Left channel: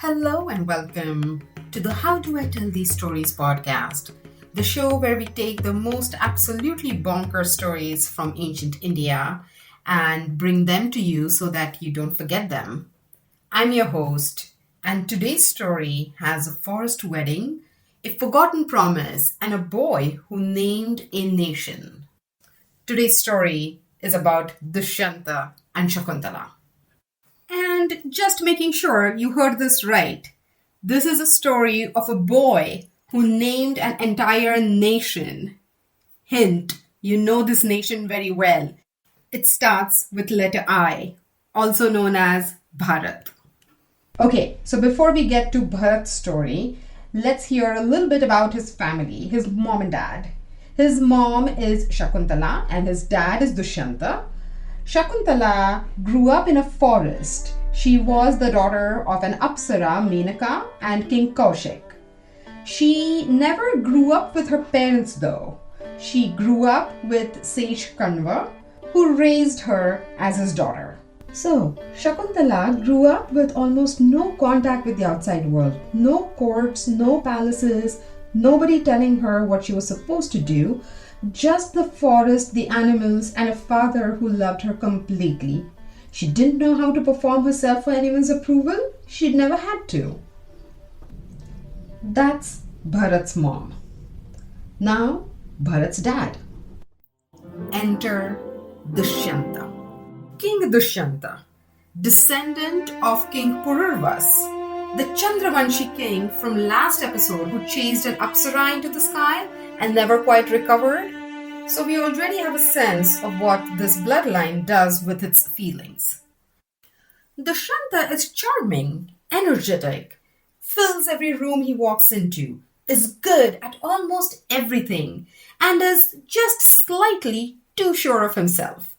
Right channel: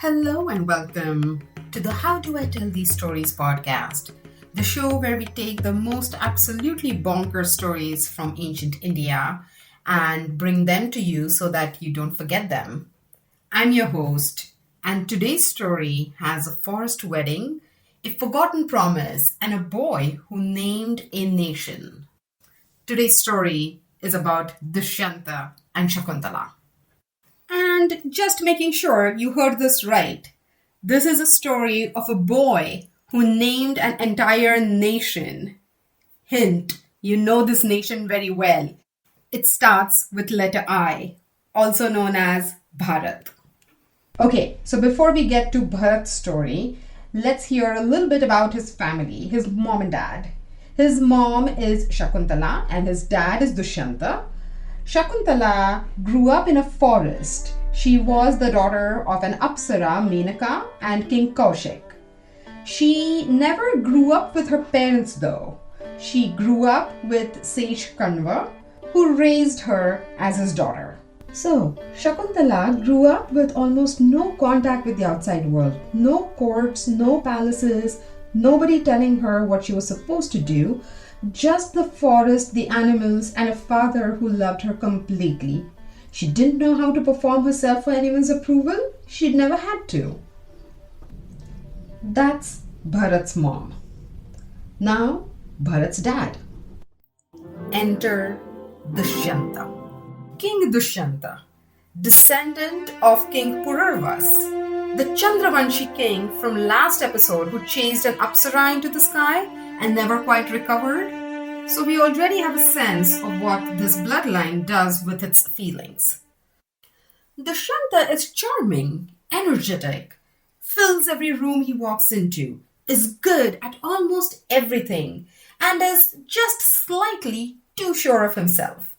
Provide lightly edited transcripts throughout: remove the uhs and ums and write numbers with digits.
Hello and welcome to the How Do I Tell These Stories podcast, the show where we take the most absolutely bonkers stories from ancient India and bring them to you so that you don't forget them. I'm your host, and today's story has a forest wedding, a forgotten promise, and a boy who named a nation. Today's story is about Dushyanta and Shakuntala. And just making sure you heard this right, this is a story of a boy who named an entire nation. Hint, you know this nation very well. It starts with letter I, also known as Bharat. Okay, so before we get to Bharat's story, let's hear a little bit about his family, his mom and dad. His mom is Shakuntala and his dad is Dushyanta. Shakuntala grew up in a forest. She was the daughter of an Apsara, Menaka, and King Kaushik. She never grew up with her parents though. She grew up with sage Kanva, who raised her as his daughter. So, Shakuntala grew up with almost no contact with the outside world. No courts, no palaces, nobody telling her what she was supposed to do. Just the forest, the animals, and a father who loved her completely. She didn't know how to perform herself for anyone's approval. She'd never had to. That's Bharat's mom. Now, Bharat's dad. Enter Dushyanta. King Dushyanta, descendant of King Pururvas, the Chandravanshi king from last episode who chased an Apsara into the sky and never quite recovered. So we already have a sense of what this bloodline does with its feelings. Dushyanta is charming, energetic, fills every room he walks into, is good at almost everything, and is just slightly too sure of himself.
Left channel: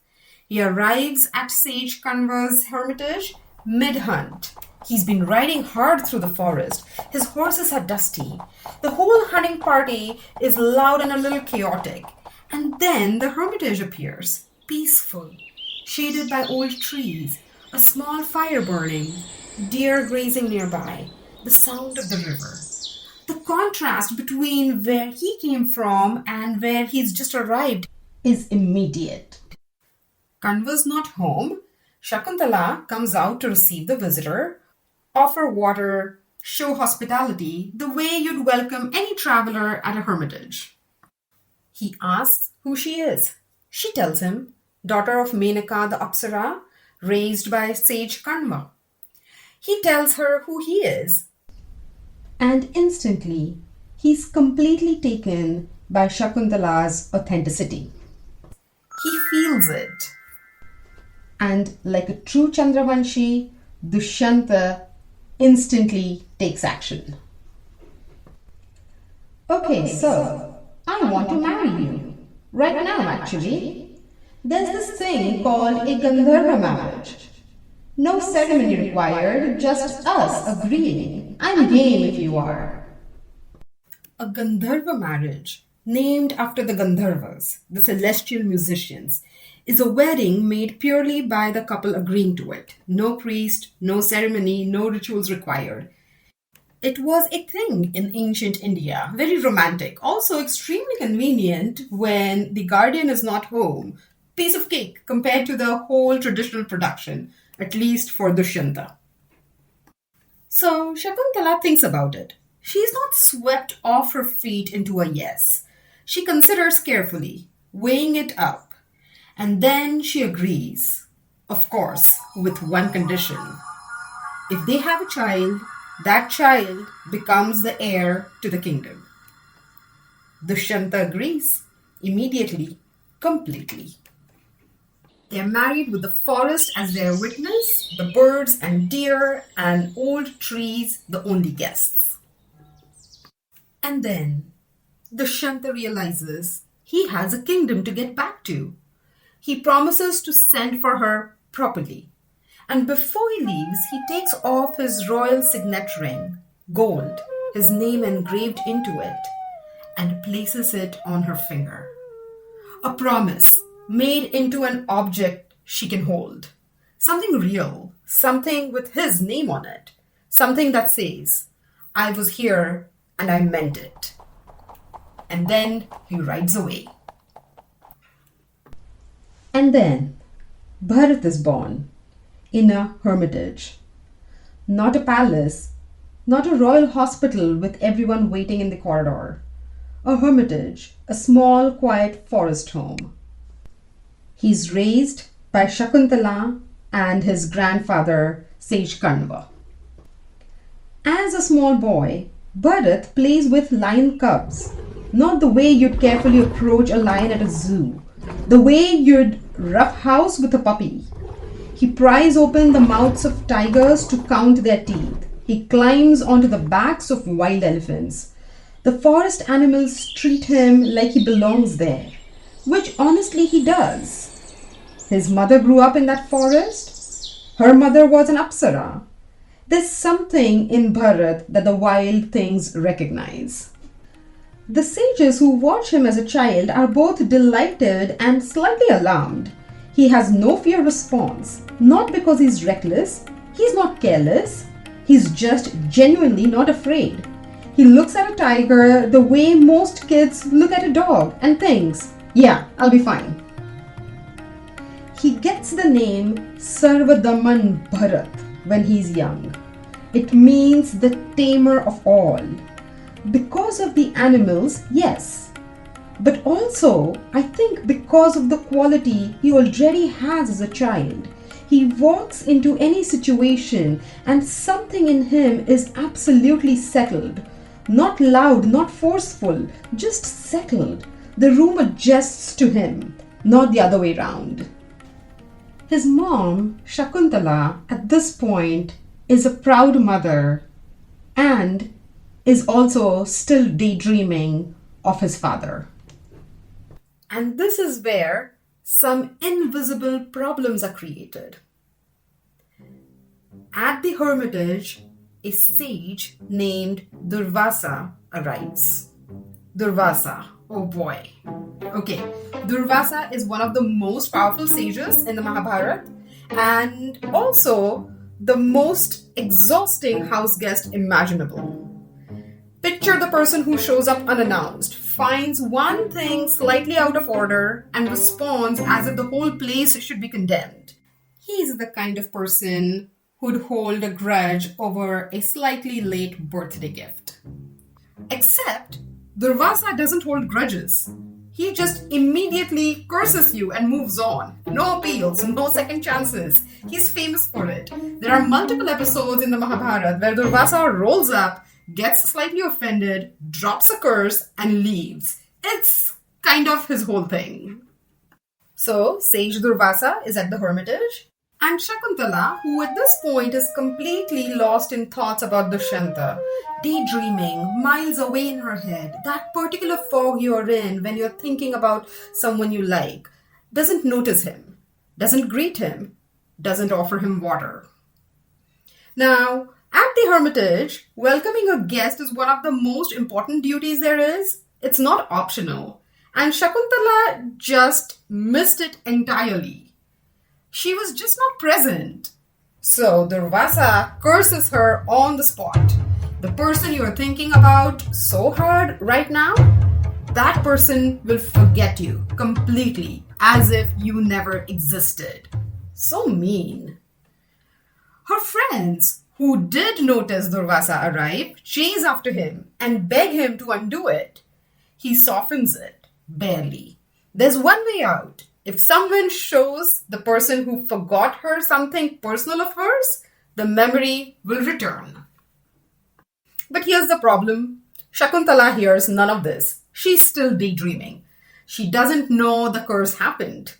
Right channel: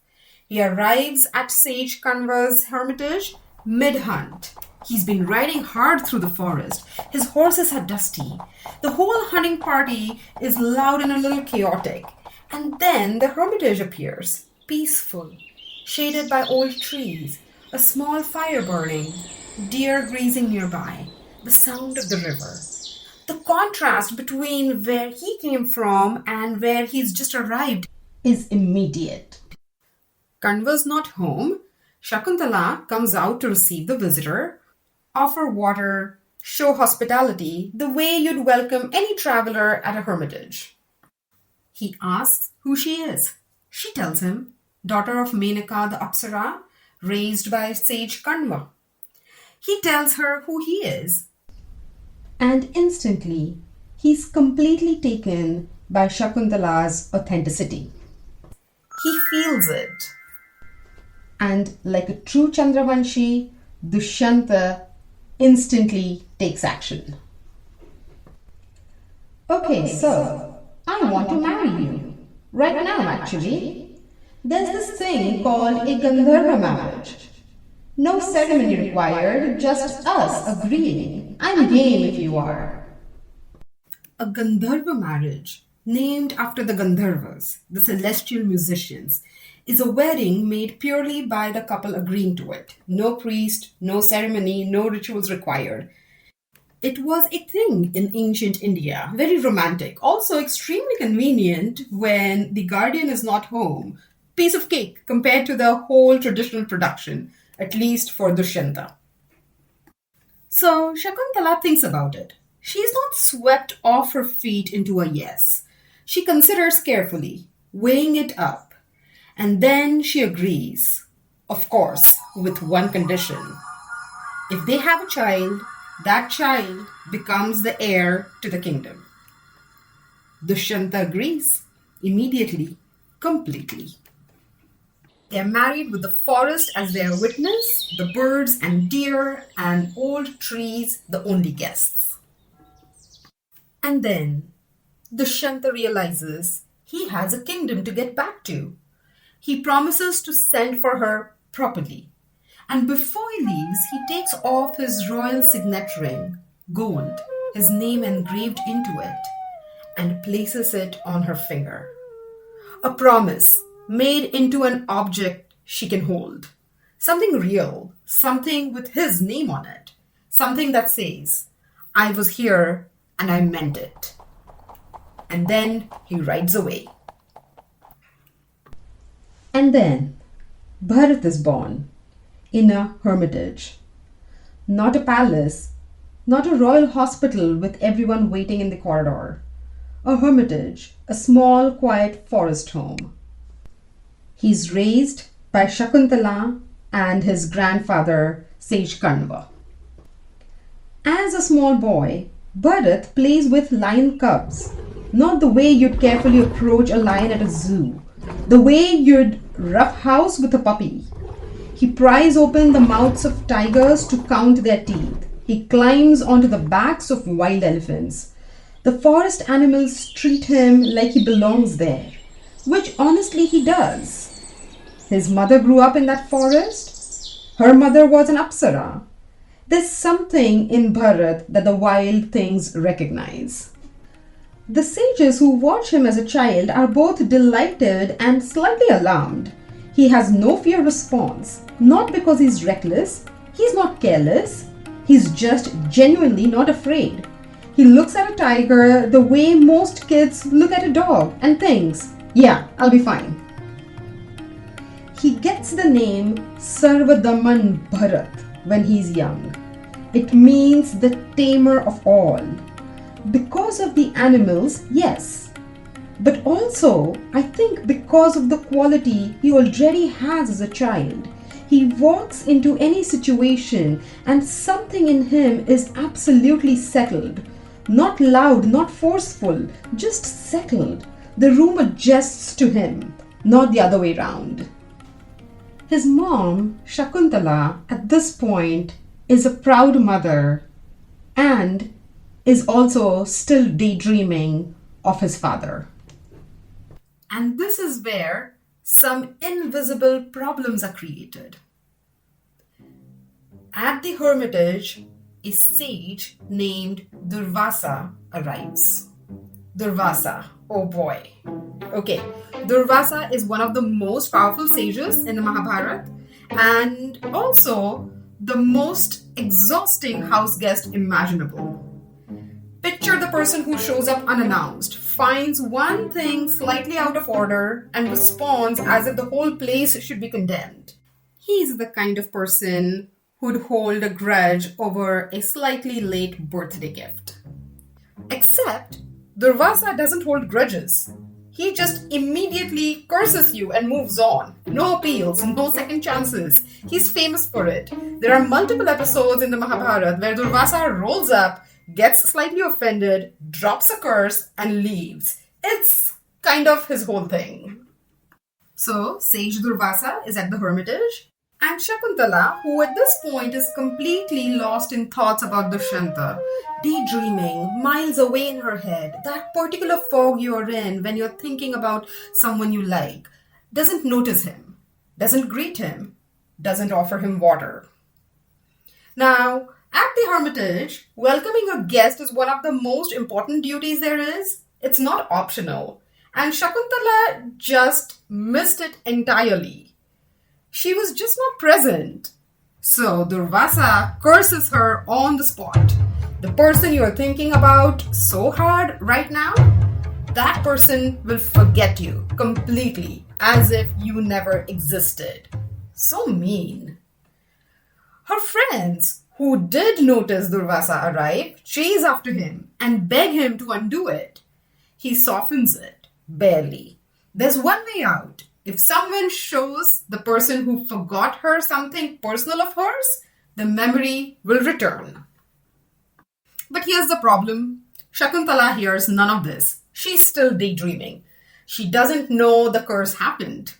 He arrives at Sage Kanva's hermitage mid-hunt. He's been riding hard through the forest. His horses are dusty. The whole hunting party is loud and a little chaotic. And then the hermitage appears, peaceful, shaded by old trees, a small fire burning, deer grazing nearby, the sound of the river. The contrast between where he came from and where he's just arrived is immediate. Kanva's not home. Shakuntala comes out to receive the visitor, offer water, show hospitality the way you'd welcome any traveler at a hermitage. He asks who she is. She tells him, daughter of Menaka the Apsara, raised by sage Kanva. He tells her who he is. And instantly, he's completely taken by Shakuntala's authenticity. He feels it. And like a true Chandravanshi, Dushyanta instantly takes action. Okay, so I want to marry you. Right now, actually. There's this thing called a Gandharva marriage. No ceremony required, just us agreeing. I'm game if you are. A Gandharva marriage, named after the Gandharvas, the celestial musicians, is a wedding made purely by the couple agreeing to it. No priest, no ceremony, no rituals required. It was a thing in ancient India, very romantic, also extremely convenient when the guardian is not home. Piece of cake compared to the whole traditional production, at least for Dushyanta. So Shakuntala thinks about it. She's not swept off her feet into a yes. She considers carefully, weighing it up. And then she agrees, of course, with one condition. If they have a child, that child becomes the heir to the kingdom. Dushyanta agrees, immediately, completely. They are married with the forest as their witness, the birds and deer and old trees the only guests. And then Dushyanta realizes he has a kingdom to get back to. He promises to send for her properly. And before he leaves, he takes off his royal signet ring, gold, his name engraved into it, and places it on her finger. A promise made into an object she can hold. Something real, something with his name on it, Something that says, I was here and I meant it. And then he rides away. And then Bharat is born in a hermitage. Not a palace, not a royal hospital with everyone waiting in the corridor. A hermitage, a small, quiet forest home. He's raised by Shakuntala and his grandfather, Sage Kanva. As a small boy, Bharat plays with lion cubs, not the way you'd carefully approach a lion at a zoo, the way you'd roughhouse with a puppy. He pries open the mouths of tigers to count their teeth. He climbs onto the backs of wild elephants. The forest animals treat him like he belongs there, which honestly he does. His mother grew up in that forest. Her mother was an Apsara. There's something in Bharat that the wild things recognize. The sages who watch him as a child are both delighted and slightly alarmed. He has no fear response, not because he's reckless, he's not careless, he's just genuinely not afraid. He looks at a tiger the way most kids look at a dog and thinks, yeah, I'll be fine. He gets the name Sarvadaman Bharat when he's young. It means the tamer of all. Because of the animals, yes. But also, I think because of the quality he already has as a child. He walks into any situation and something in him is absolutely settled. Not loud, not forceful, just settled. The room adjusts to him, not the other way round. His mom, Shakuntala, at this point is a proud mother and is also still daydreaming of his father. And this is where some invisible problems are created. At the hermitage, a sage named Durvasa arrives. Durvasa, oh boy. Okay, Durvasa is one of the most powerful sages in the Mahabharata and also the most exhausting house guest imaginable. Picture the person who shows up unannounced, finds one thing slightly out of order, and responds as if the whole place should be condemned. He's the kind of person who'd hold a grudge over a slightly late birthday gift. Except, Durvasa doesn't hold grudges. He just immediately curses you and moves on. No appeals, no second chances. He's famous for it. There are multiple episodes in the Mahabharata where Durvasa rolls up, gets slightly offended, drops a curse, and leaves. It's kind of his whole thing. So, Sage Durvasa is at the hermitage, and Shakuntala, who at this point is completely lost in thoughts about Dushyanta, daydreaming, miles away in her head, that particular fog you are in when you're thinking about someone you like, doesn't notice him, doesn't greet him, doesn't offer him water. Now, at the hermitage, welcoming a guest is one of the most important duties there is. It's not optional. And Shakuntala just missed it entirely. She was just not present. So Durvasa curses her on the spot. The person you are thinking about so hard right now, that person will forget you completely as if you never existed. So mean. Her friends, who did notice Durvasa arrive, chase after him and beg him to undo it. He softens it, barely. There's one way out. If someone shows the person who forgot her something personal of hers, the memory will return. But here's the problem. Shakuntala hears none of this. She's still daydreaming. She doesn't know the curse happened.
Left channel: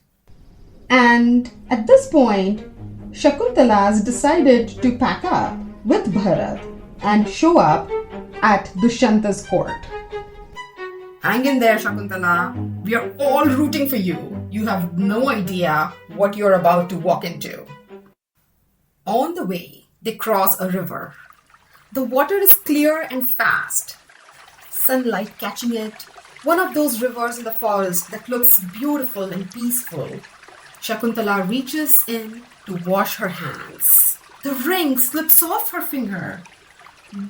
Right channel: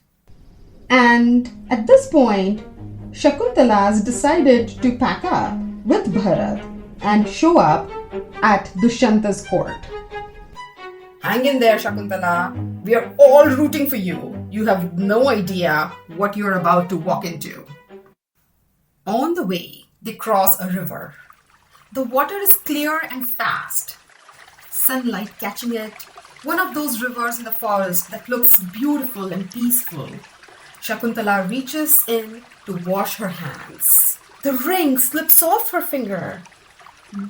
And at this point, Shakuntala has decided to pack up with Bharat and show up at Dushyanta's court. Hang in there, Shakuntala. We are all rooting for you. You have no idea what you're about to walk into. On the way, they cross a river. The water is clear and fast. Sunlight catching it. One of those rivers in the forest that looks beautiful and peaceful. Shakuntala reaches in to wash her hands. The ring slips off her finger.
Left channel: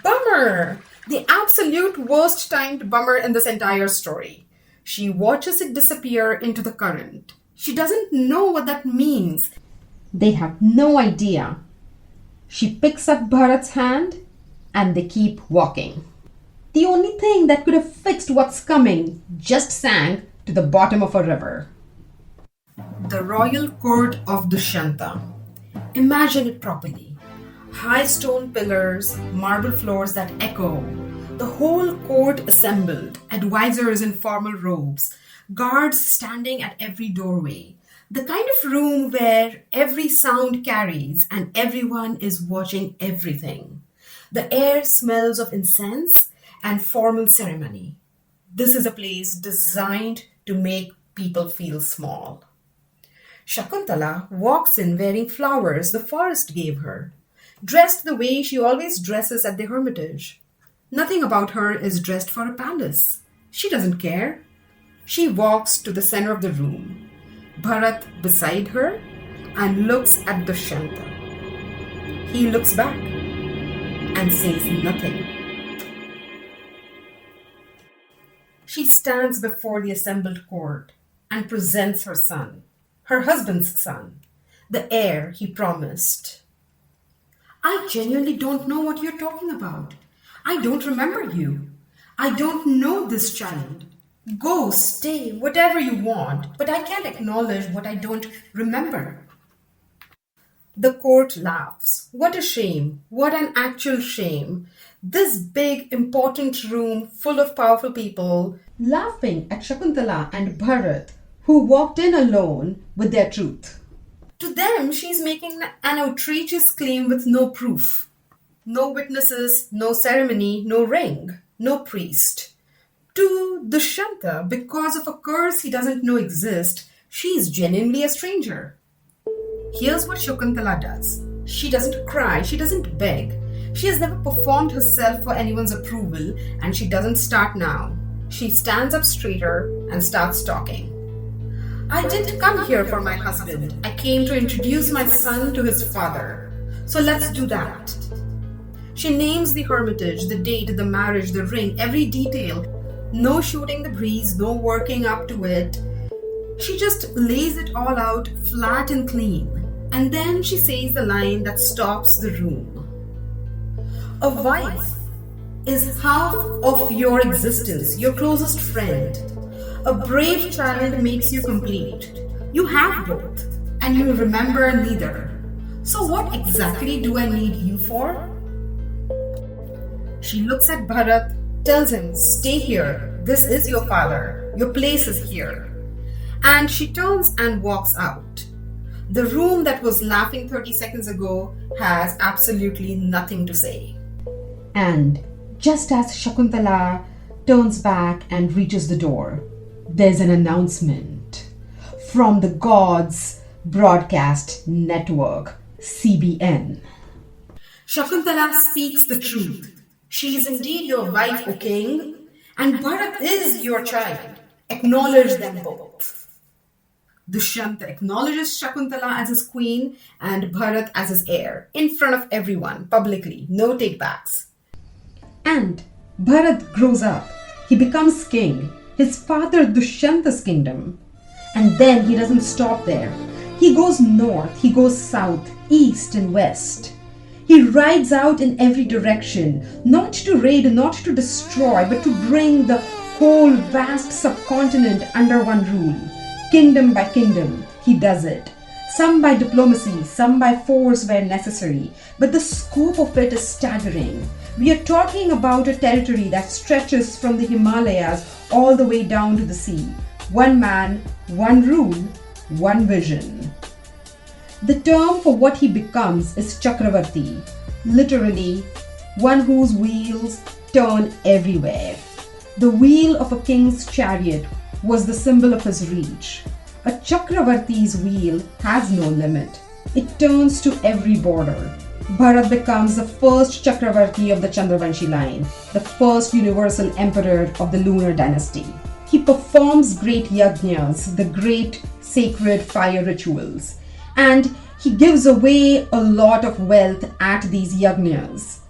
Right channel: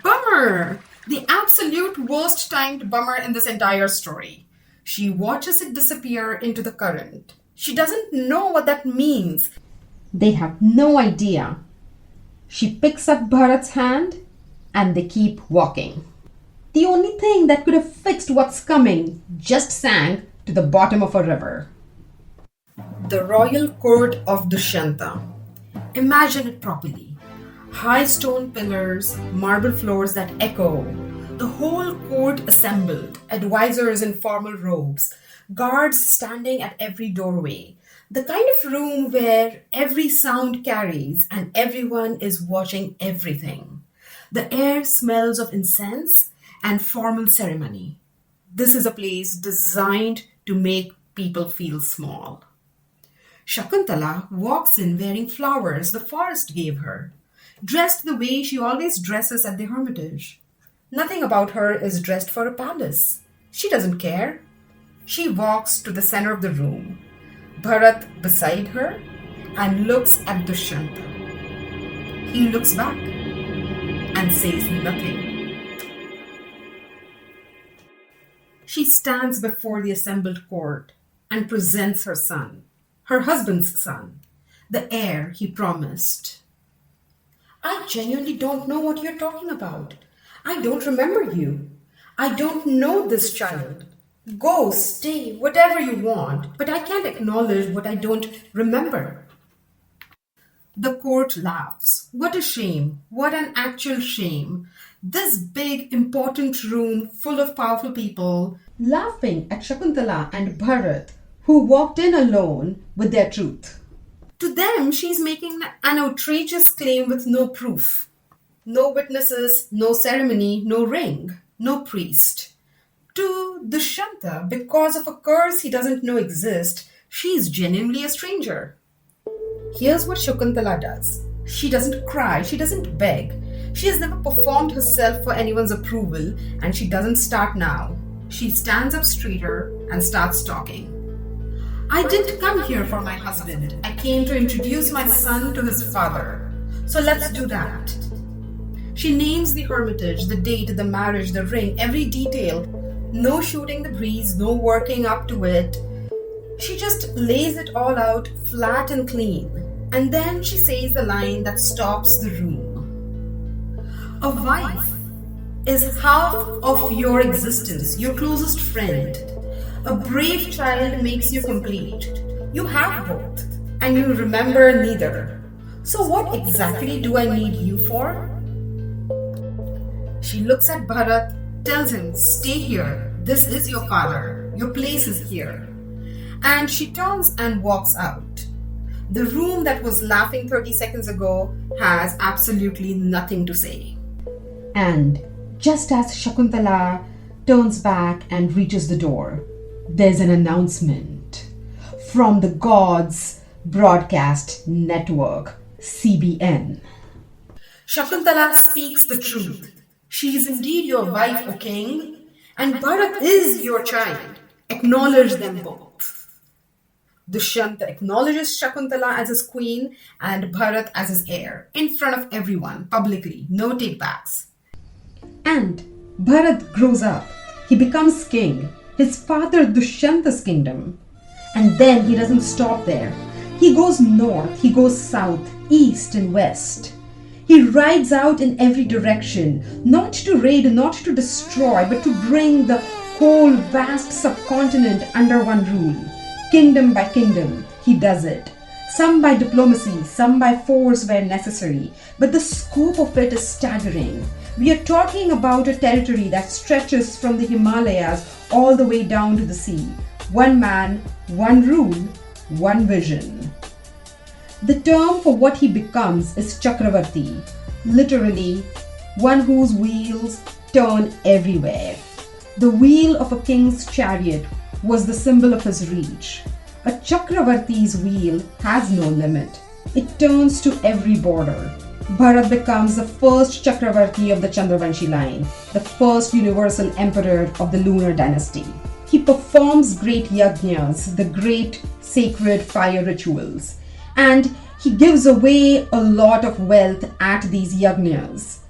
Bummer! The absolute worst timed bummer in this entire story. She watches it disappear into the current. She doesn't know what that means. They have no idea. She picks up Bharat's hand and they keep walking. The only thing that could have fixed what's coming just sank to the bottom of a river. The royal court of Dushyanta. Imagine it properly. High stone pillars, marble floors that echo, the whole court assembled, advisors in formal robes, guards standing at every doorway. The kind of room where every sound carries and everyone is watching everything. The air smells of incense and formal ceremony. This is a place designed to make people feel small. Shakuntala walks in wearing flowers the forest gave her, dressed the way she always dresses at the hermitage. Nothing about her is dressed for a palace. She doesn't care. She walks to the center of the room, Bharat beside her, and looks at Dushyanta. He looks back and says nothing. She stands before the assembled court and presents her son, her husband's son, the heir he promised. I genuinely don't know what you're talking about. I don't remember you. I don't know this child. Go, stay, whatever you want, but I can't acknowledge what I don't remember. The court laughs. What a shame. What an actual shame. This big, important room full of powerful people laughing at Shakuntala and Bharat, who walked in alone with their truth. To them, she's making an outrageous claim with no proof. No witnesses, no ceremony, no ring, no priest. To Dushyanta, because of a curse he doesn't know exists, she's genuinely a stranger. Here's what Shakuntala does. She doesn't cry, she doesn't beg. She has never performed herself for anyone's approval, and she doesn't start now. She stands up straighter and starts talking. I didn't come here for my husband. I came to introduce my son to his father. So let's do that. She names the hermitage, the date, the marriage, the ring, every detail. No shooting the breeze, no working up to it. She just lays it all out flat and clean. And then she says the line that stops the room. A wife is half of your existence, your closest friend. A brave child makes you complete. You have both, and you remember neither. So what exactly do I need you for? She looks at Bharat, tells him, stay here. This is your father. Your place is here. And she turns and walks out. The room that was laughing 30 seconds ago has absolutely nothing to say. And just as Shakuntala turns back and reaches the door, there's an announcement from the Gods Broadcast Network, CBN. Shakuntala speaks the truth. She is indeed your wife, O king, and Bharat is your child. Acknowledge them both. Dushyanta acknowledges Shakuntala as his queen and Bharat as his heir, in front of everyone, publicly, no takebacks. And Bharat grows up. He becomes king. His father Dusyanta's kingdom. And then he doesn't stop there. He goes north, he goes south, east and west. He rides out in every direction, not to raid, not to destroy, but to bring the whole vast subcontinent under one rule. Kingdom by kingdom, he does it. Some by diplomacy, some by force where necessary. But the scope of it is staggering. We are talking about a territory that stretches from the Himalayas all the way down to the sea. One man, one rule, one vision. The term for what he becomes is Chakravarti, literally one whose wheels turn everywhere. The wheel of a king's chariot was the symbol of his reach. A Chakravarti's wheel has no limit. It turns to every border. Bharat becomes the first Chakravarti of the Chandravanshi line, the first universal emperor of the lunar dynasty. He performs great yajnas, the great sacred fire rituals, and He gives away a lot of wealth at these yajnas.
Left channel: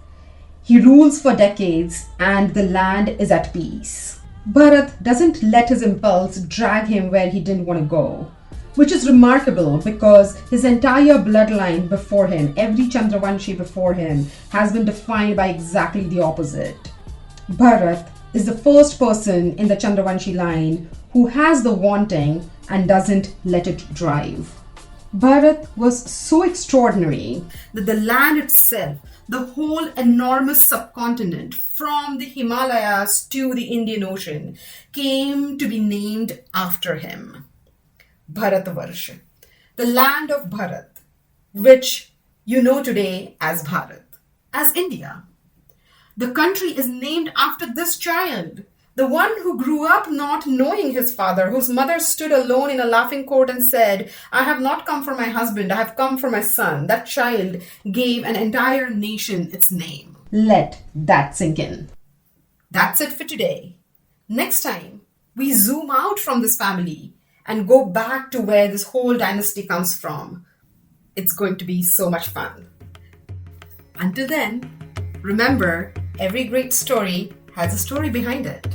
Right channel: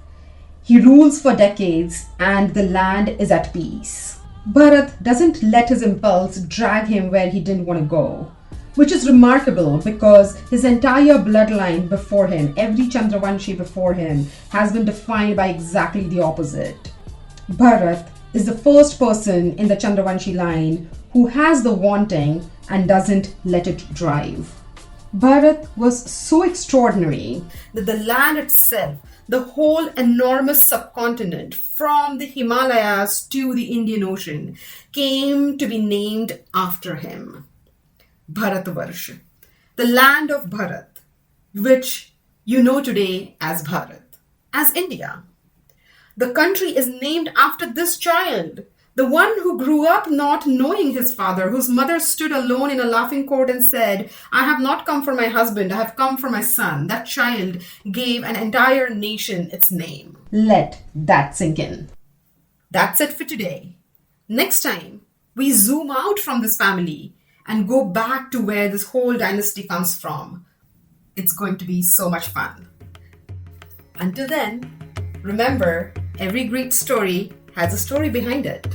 He rules for decades and the land is at peace. Bharat doesn't let his impulse drag him where he didn't want to go, which is remarkable because his entire bloodline before him, every Chandravanshi before him, has been defined by exactly the opposite. Bharat is the first person in the Chandravanshi line who has the wanting and doesn't let it drive. Bharat was so extraordinary that the land itself, the whole enormous subcontinent from the Himalayas to the Indian Ocean, came to be named after him. Bharatvarsha, the land of Bharat, which you know today as Bharat, as India. The country is named after this child, the one who grew up not knowing his father, whose mother stood alone in a laughing court and said, "I have not come for my husband, I have come for my son." That child gave an entire nation its name. Let that sink in. That's it for today. Next time, we zoom out from this family and go back to where this whole dynasty comes from. It's going to be so much fun. Until then, remember, every great story has a story behind it.